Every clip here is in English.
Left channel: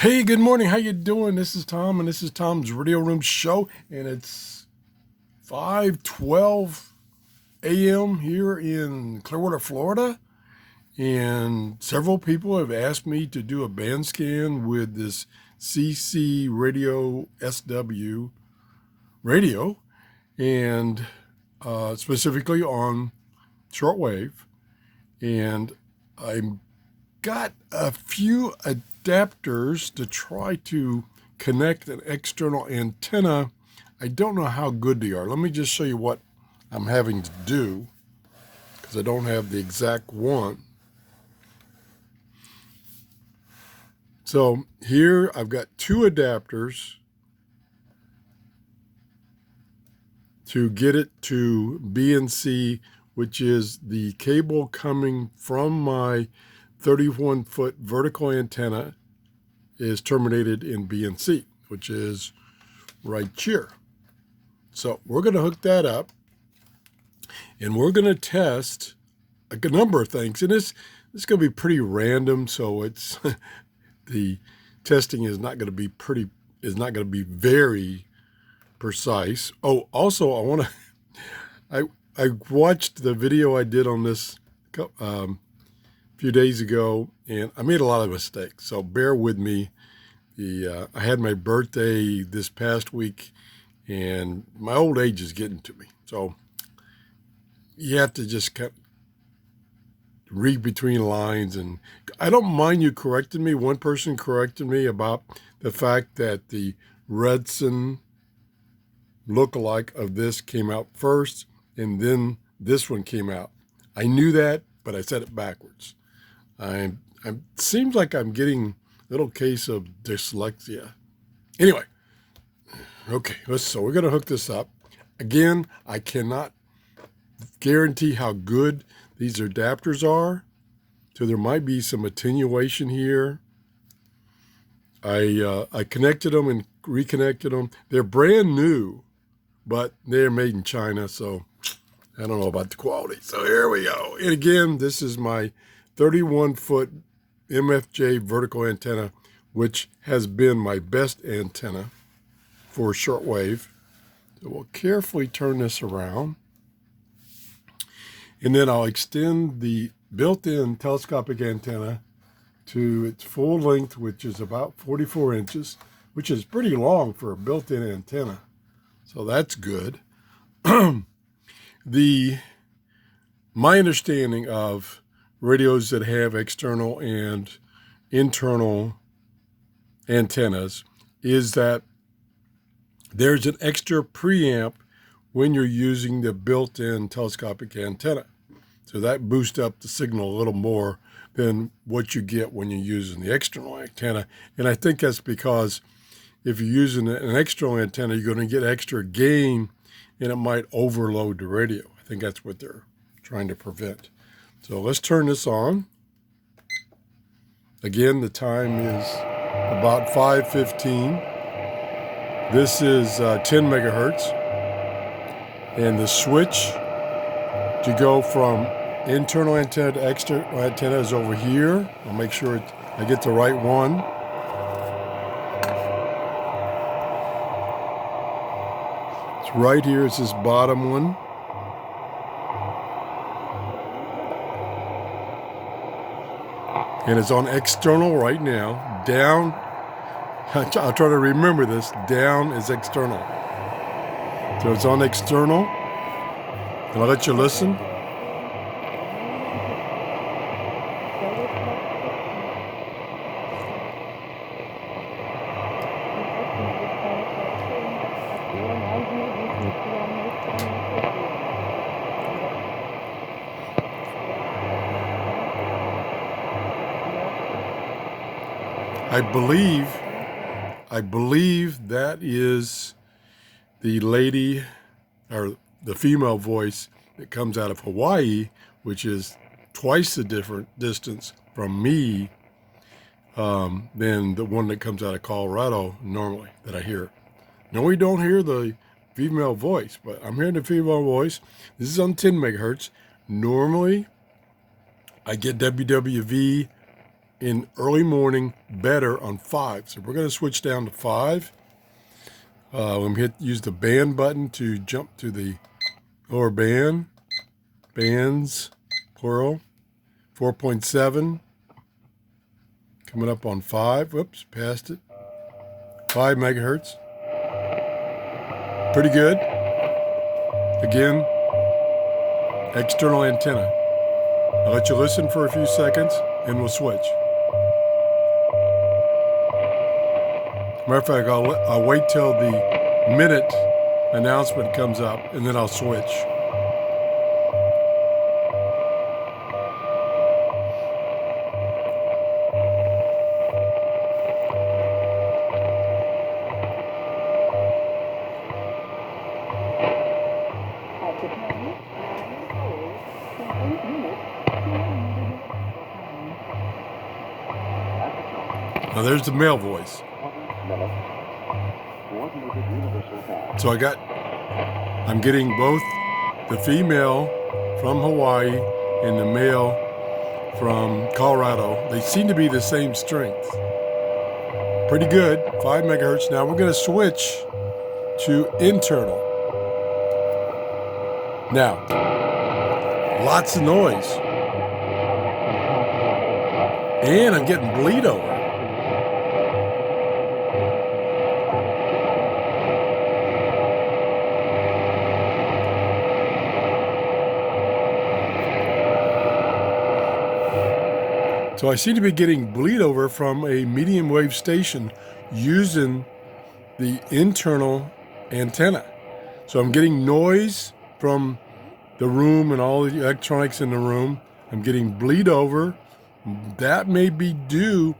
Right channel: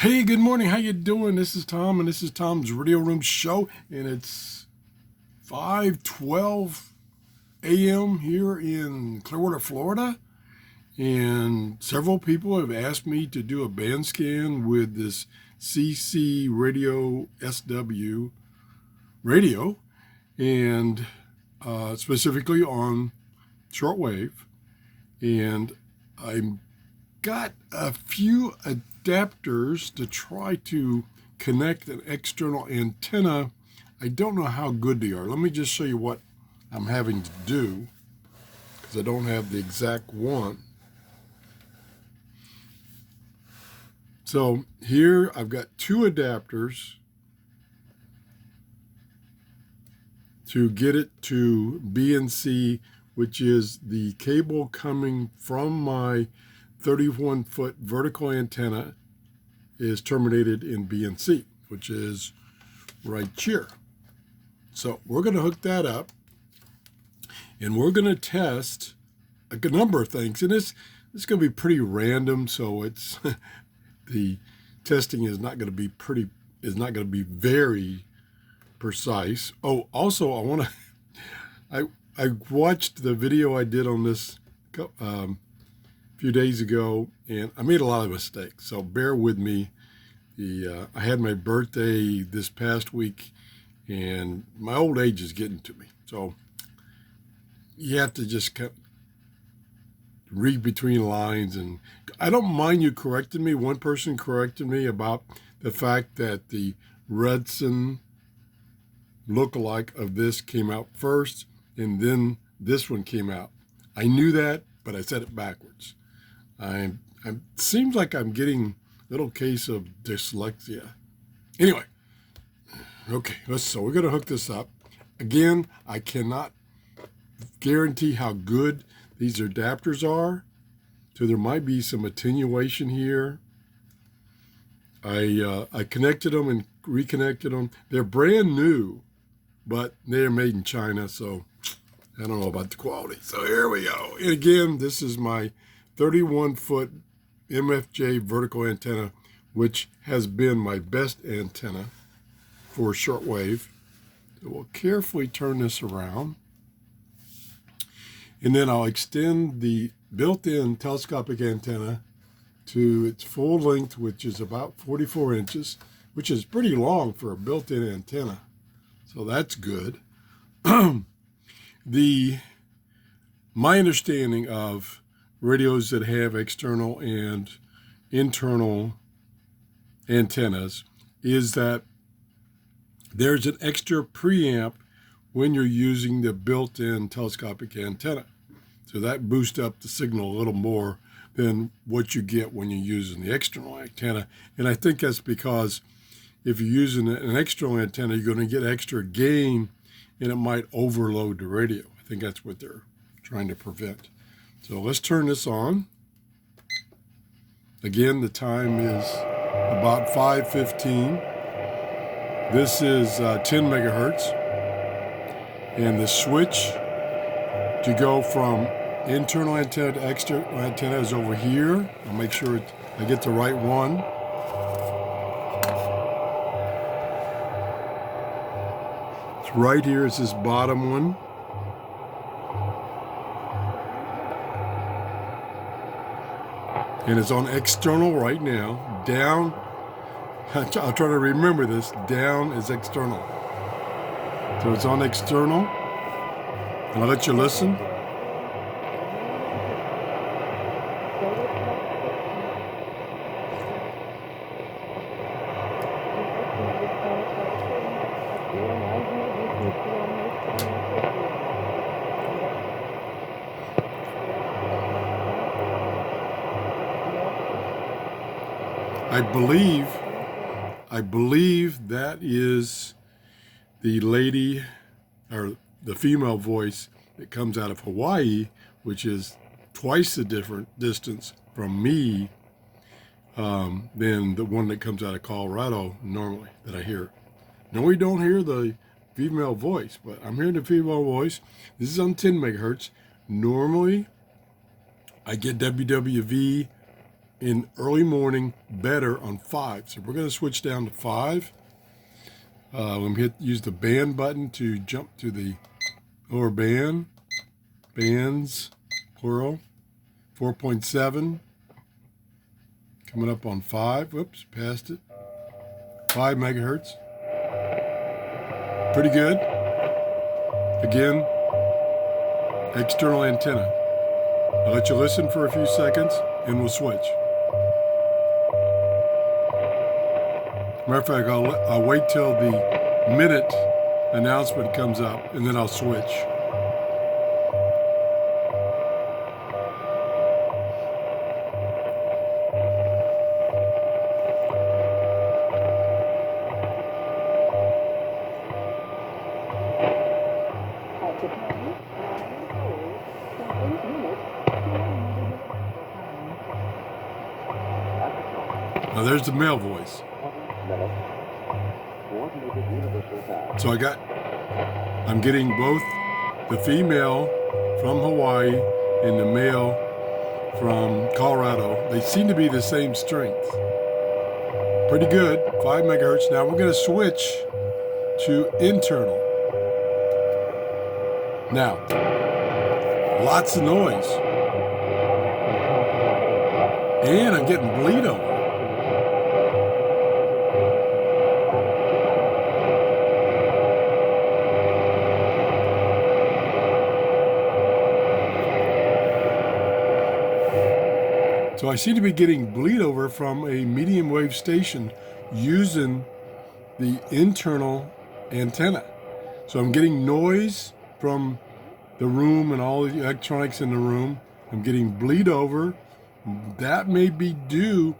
Hey, good morning. How you doing? This is Tom, and this is Tom's Radio Room Show, and it's 5:12 a.m. here in Clearwater, Florida. And several people have asked me to do a band scan with this CCRadioSW radio, and specifically on shortwave. And I got a few adapters to try to connect an external antenna. I don't know how good they are. Let me just show you what I'm having to do because I don't have the exact one. So here I've got two adapters to get it to BNC, which is the cable coming from my 31-foot vertical antenna is terminated in BNC, which is right here. So we're going to hook that up, and we're going to test a good number of things. And this is going to be pretty random, so it's the testing is not going to be very precise. Oh, also I want to I watched the video I did on this few days ago, and I made a lot of mistakes, so bear with me. I had my birthday this past week, and my old age is getting to me, so you have to just read between lines. And I don't mind you correcting me. One person corrected me about the fact that the Redson lookalike of this came out first, and then this one came out. I knew that, but I said it backwards. It seems like I'm getting a little case of dyslexia. Anyway, okay, so we're going to hook this up. Again, I cannot guarantee how good these adapters are, so there might be some attenuation here. I connected them and reconnected them. They're brand new, but they're made in China, so I don't know about the quality. So here we go. And again, this is my 31-foot MFJ vertical antenna, which has been my best antenna for shortwave. So we'll carefully turn this around. And then I'll extend the built-in telescopic antenna to its full length, which is about 44 inches, which is pretty long for a built-in antenna. So that's good. My understanding of radios that have external and internal antennas is that there's an extra preamp when you're using the built-in telescopic antenna. So that boosts up the signal a little more than what you get when you're using the external antenna. And I think that's because if you're using an external antenna, you're going to get extra gain, and it might overload the radio. I think that's what they're trying to prevent. So let's turn this on. Again, the time is about 5:15. This is 10 megahertz. And the switch to go from internal antenna to external antenna is over here. I'll make sure I get the right one. It's right here. It's this bottom one. And it's on external right now. Down, I'll try to remember this, down is external. So it's on external. And I'll let you listen. I believe that is the lady or the female voice that comes out of Hawaii, which is twice the different distance from me than the one that comes out of Colorado normally that I hear. No, we don't hear the female voice, but I'm hearing the female voice. This is on 10 megahertz. Normally, I get WWV in early morning better on 5. So we're going to switch down to 5. Let me use the band button to jump to the lower band. Bands, plural. 4.7. Coming up on 5. Whoops, passed it. 5 megahertz. Pretty good. Again, external antenna. I'll let you listen for a few seconds and we'll switch. Matter of fact, I'll wait till the minute announcement comes up and then I'll switch. Now there's the male voice. So I'm getting both the female from Hawaii and the male from Colorado. They seem to be the same strength. Pretty good, 5 megahertz. Now we're going to switch to internal. Now, lots of noise. And I'm getting bleed over. So I seem to be getting bleed over from a medium wave station using the internal antenna. So I'm getting noise from the room and all the electronics in the room. I'm getting bleed over. That may be due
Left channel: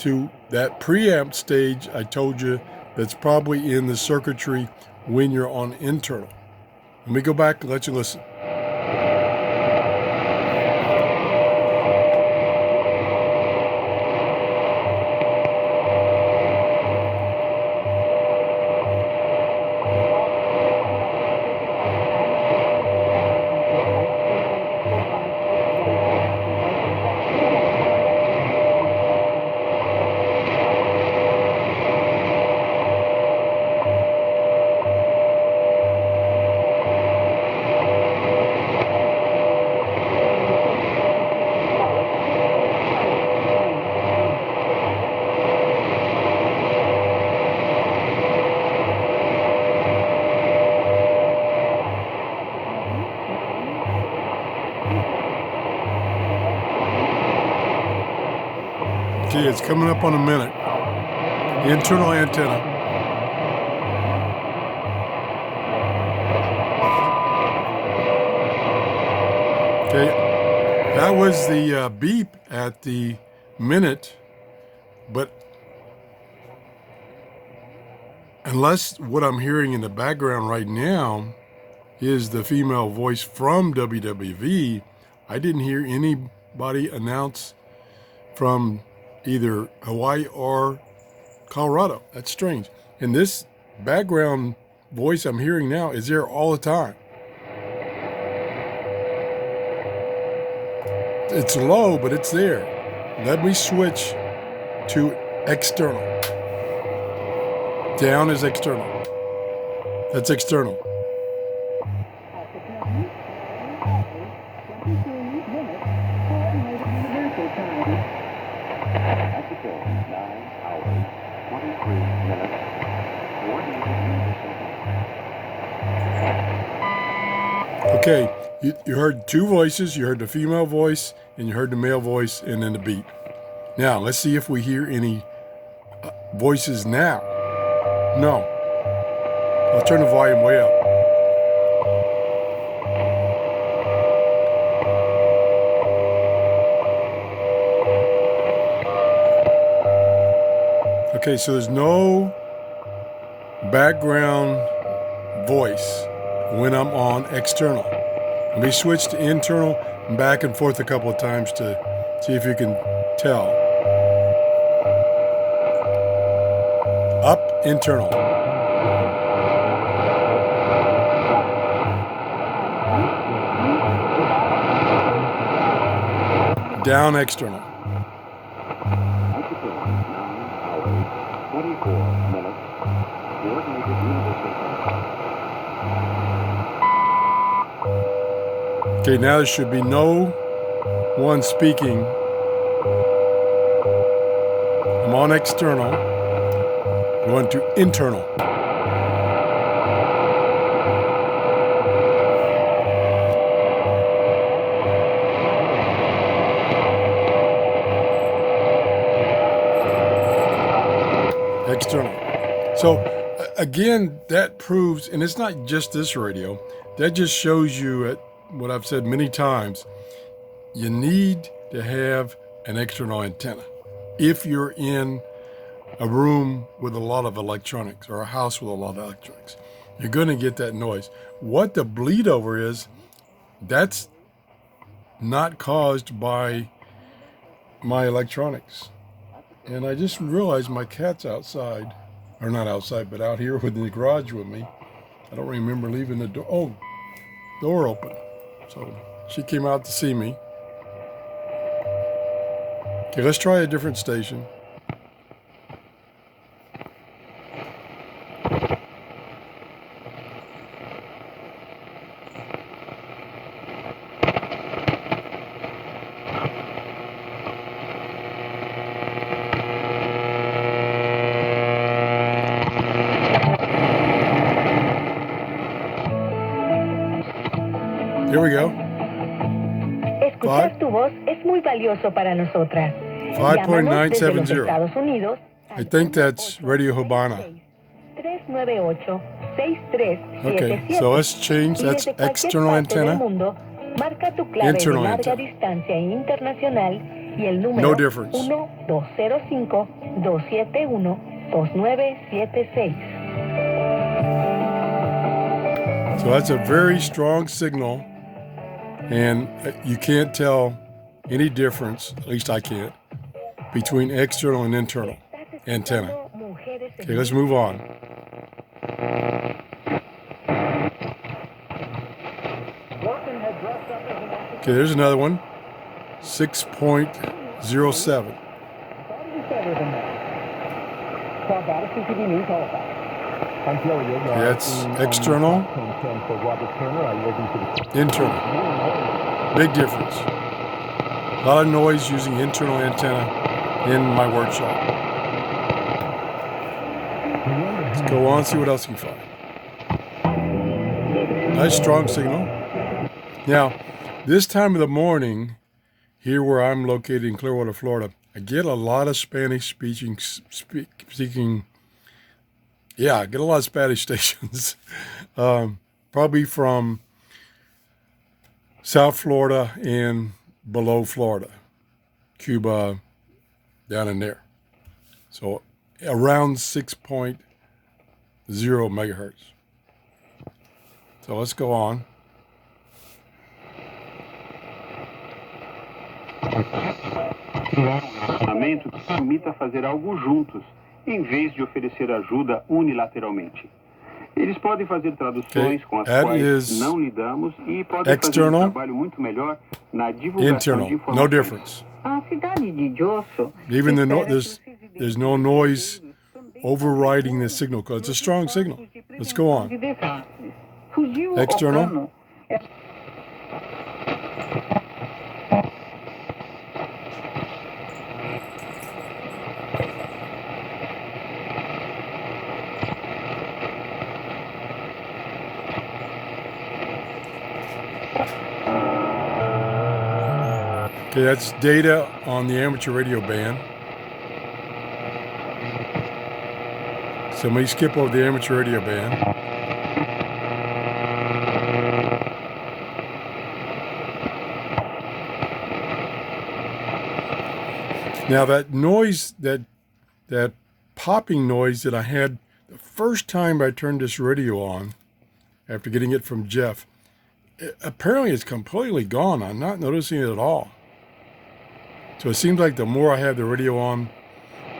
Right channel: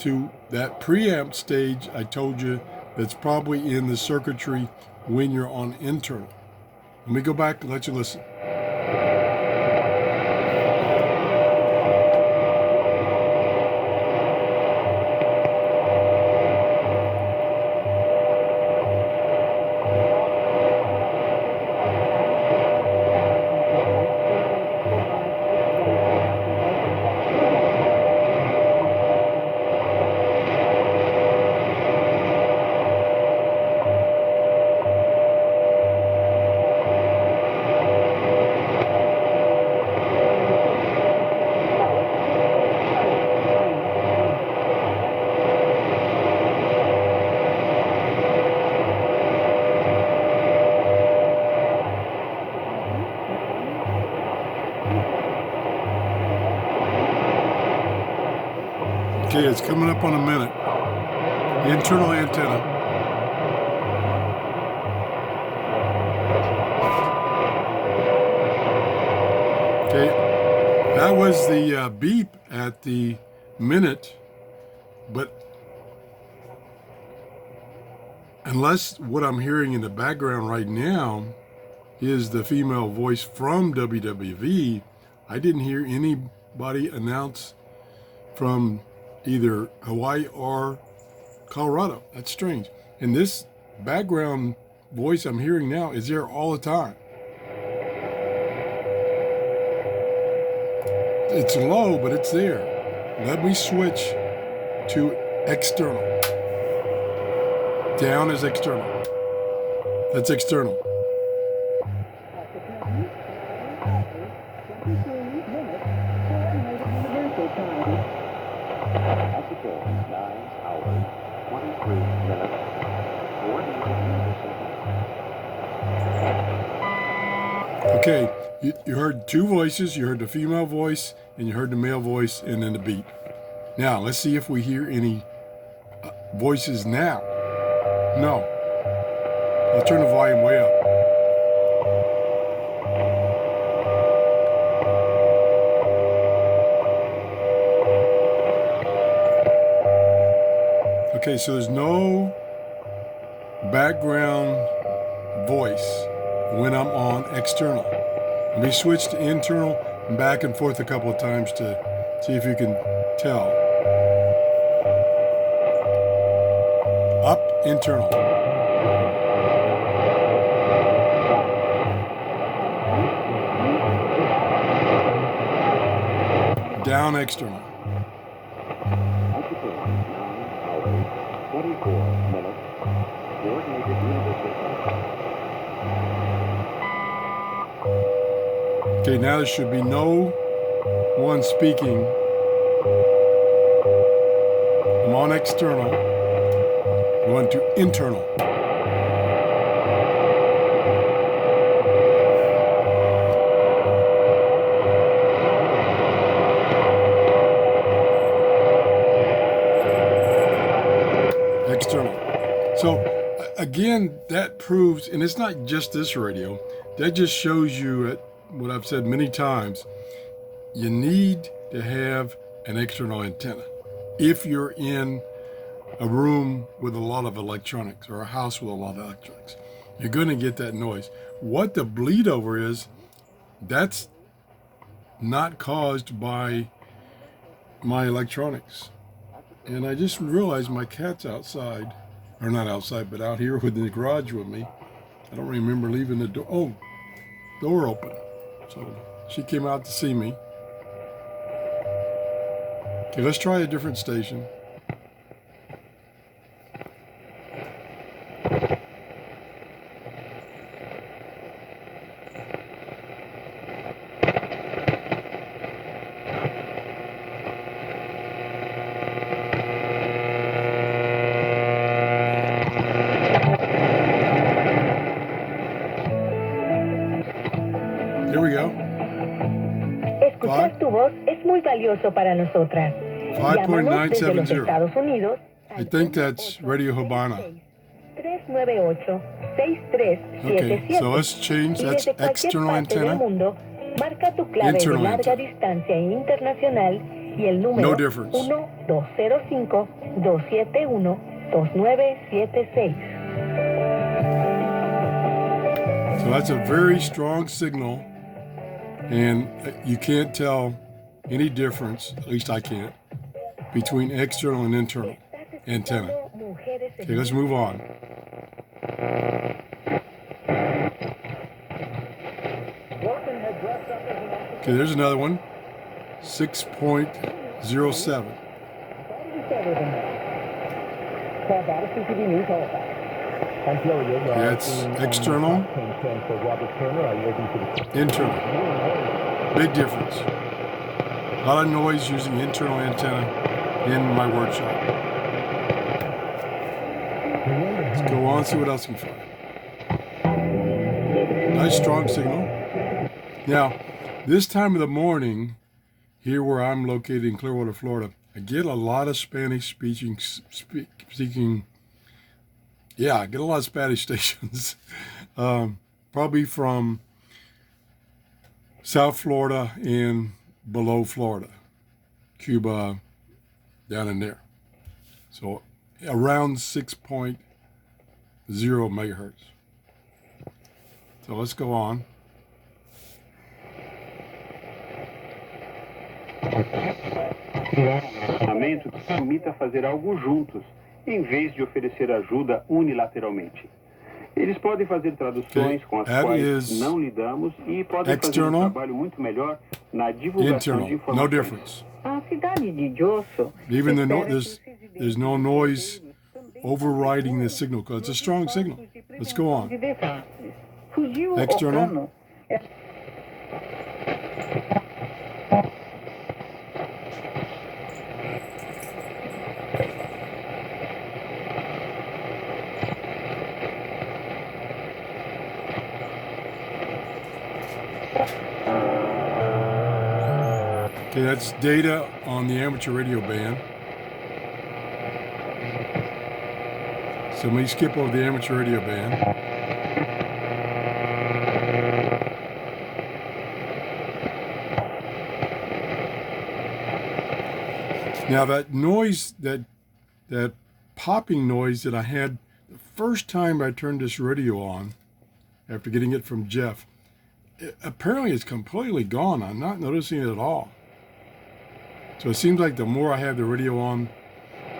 to that preamp stage I told you that's probably in the circuitry when you're on internal. Let me go back and let you listen. Okay, it's coming up on a minute. Internal antenna. Okay, that was the beep at the minute, but unless what I'm hearing in the background right now is the female voice from WWV, I didn't hear anybody announce from either Hawaii or Colorado. That's strange. And this background voice I'm hearing now is there all the time. It's low, but it's there. Let me switch to external. Down is external. That's external. Okay, you heard two voices. You heard the female voice and you heard the male voice and then the beep. Now, let's see if we hear any voices now. No. I'll turn the volume way up. Okay, so there's no background voice when I'm on external. Let me switch to internal and back and forth a couple of times to see if you can tell. Up, internal. Down, external. 24 minutes. Coordinated universal. Okay, now there should be no one speaking. I'm on external. Going to internal. External. So again, that proves, and it's not just this radio, that just shows you at what I've said many times, you need to have an external antenna. If you're in a room with a lot of electronics or a house with a lot of electronics, you're going to get that noise. What the bleed over is, that's not caused by my electronics. And I just realized my cat's outside, or not outside, but out here within the garage with me. I don't remember leaving the door. Oh, door open. So she came out to see me. Okay, let's try a different station. Here we go. Escuchar tu voz es muy valioso para nosotras. Llámanos desde los 5.970. Estados Unidos. I think that's Radio Habana. 398-6377. Okay, so let's change. That's external antenna. Mundo, marca tu clave Internal de larga antenna. distancia internacional y el número No difference. 1-205-271-2976. So that's a very strong signal, and you can't tell any difference, at least I can't, between external and internal antenna. Okay, let's move on. Okay, there's another one. 6.07. That's external, internal. Big difference. A lot of noise using internal antenna in my workshop. Let's go on, see what else we can find. Nice strong signal. Now, this time of the morning, here where I'm located in Clearwater, Florida, I get a lot of Spanish speaking. Yeah, I get a lot of Spanish stations, probably from South Florida and below Florida, Cuba, down in there. So around 6.0 megahertz. So let's go on. Relacionamento que permita fazer algo juntos, em vez de oferecer ajuda unilateralmente. Eles podem fazer traduções com as quais não lidamos e podem fazer um trabalho muito melhor na divulgação de informações. No difference. A cidade de Josso. Even there's no noise overriding the signal because it's a strong signal. Let's go on. External. Okay, that's data on the amateur radio band. So let me skip over the amateur radio band. Now that noise, that popping noise that I had the first time I turned this radio on, after getting it from Jeff, apparently it's completely gone. I'm not noticing it at all. So it seems like the more I have the radio on,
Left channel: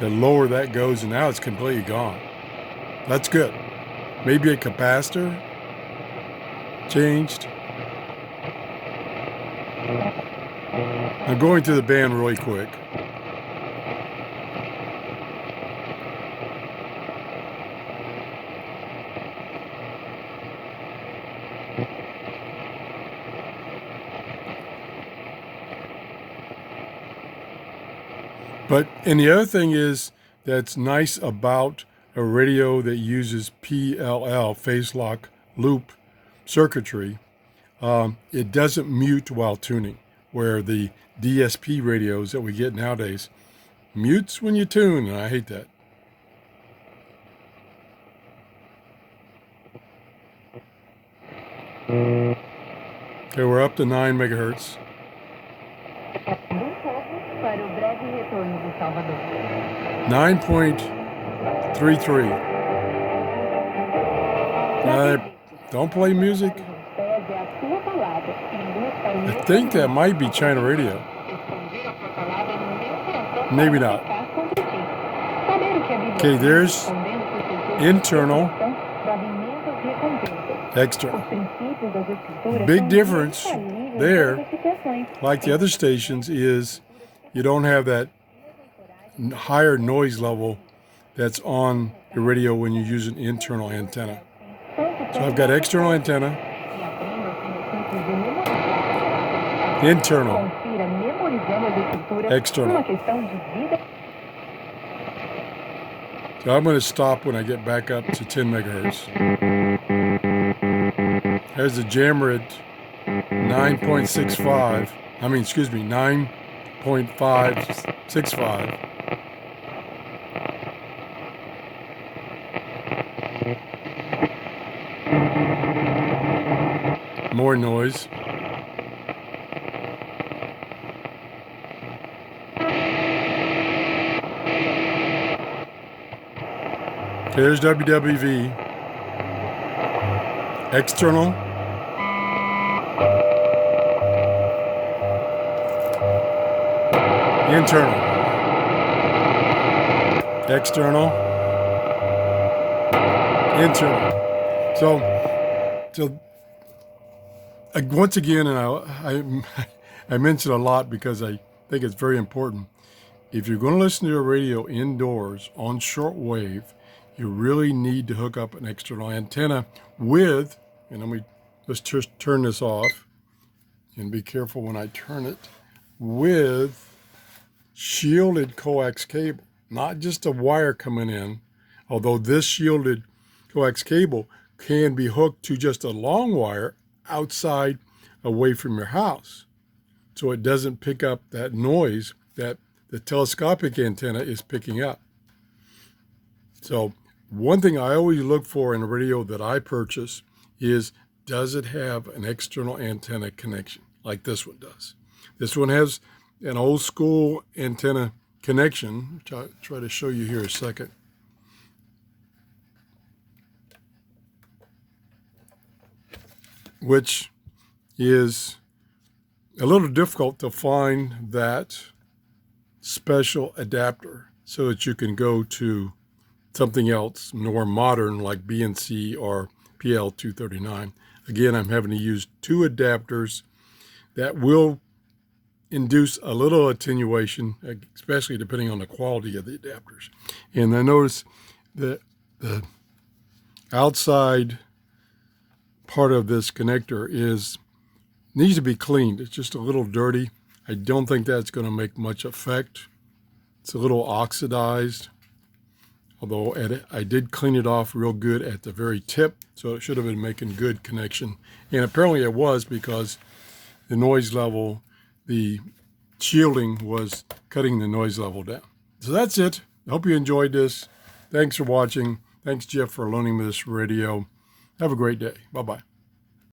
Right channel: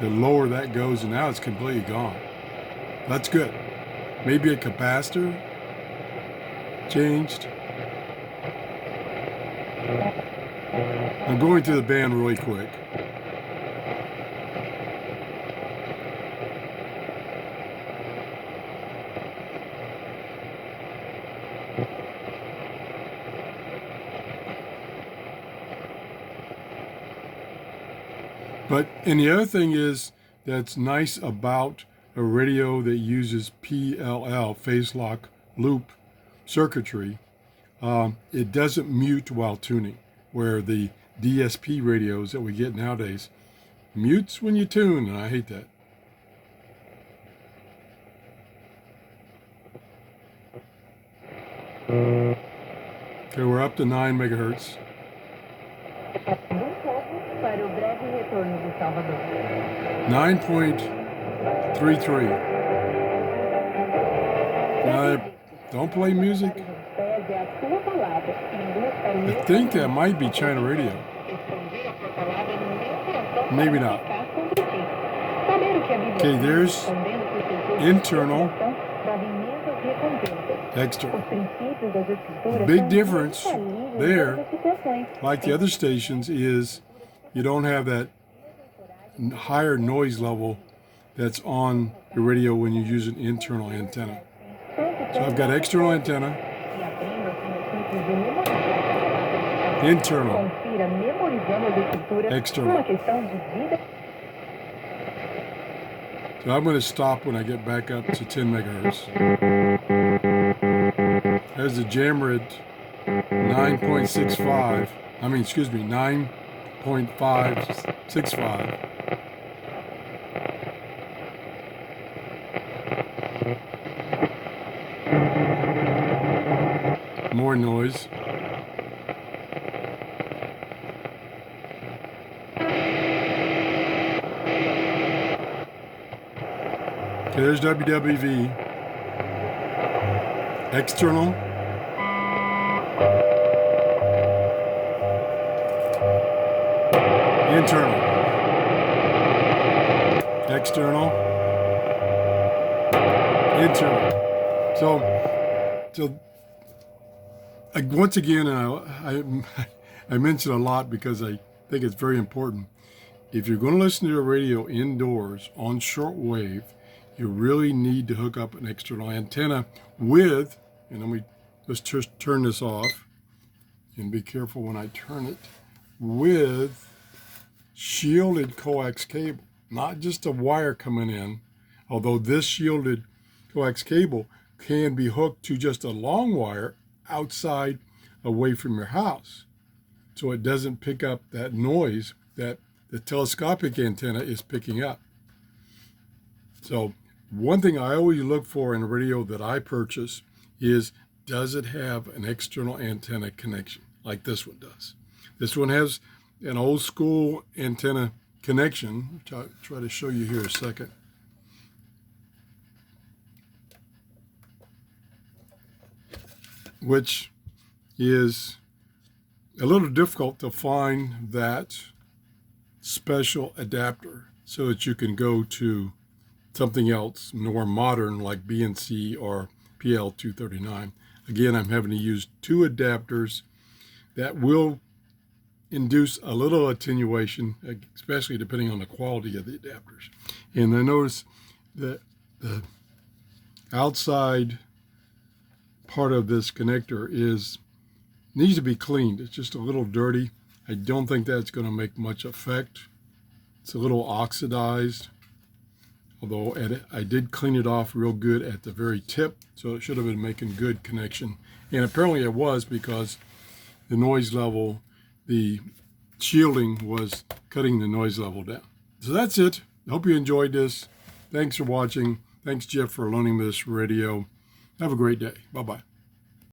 the lower that goes, and now it's completely gone. That's good. Maybe a capacitor changed. I'm going through the band really quick. And the other thing is that's nice about a radio that uses PLL, phase lock loop circuitry, it doesn't mute while tuning, where the DSP radios that we get nowadays mutes when you tune, and I hate that. Okay, we're up to 9 megahertz. 9.33. Don't play music. I think that might be China radio. Maybe not. Okay, there's internal, external. Big difference there, like the other stations, is you don't have that higher noise level that's on the radio when you use an internal antenna. So I've got external antenna, internal, external. So I'm going to stop when I get back up to 10 megahertz. There's the jammer at 9.65. 9.565. More noise. There's WWV. External. Internal. External. Internal. So once again, I mention a lot because I think it's very important. If you're going to listen to a radio indoors on shortwave, you really need to hook up an external antenna with, and let's just turn this off and be careful when I turn it, with shielded coax cable, not just a wire coming in, although this shielded coax cable can be hooked to just a long wire outside away from your house, so it doesn't pick up that noise that the telescopic antenna is picking up. So one thing I always look for in a radio that I purchase is, does it have an external antenna connection like this one does? This one has an old school antenna connection, which I'll try to show you here a second. Which is a little difficult to find that special adapter so that you can go to something else more modern like BNC or PL239. Again, I'm having to use 2 adapters that will induce a little attenuation, especially depending on the quality of the adapters. And I notice that the outside part of this connector needs to be cleaned. It's just a little dirty. I don't think that's going to make much effect. It's a little oxidized, although I did clean it off real good at the very tip, so it should have been making good connection. And apparently it was, because the noise level, the shielding was cutting the noise level down. So that's it. I hope you enjoyed this. Thanks for watching. Thanks, Jeff, for loaning me this radio. Have a great day. Bye-bye.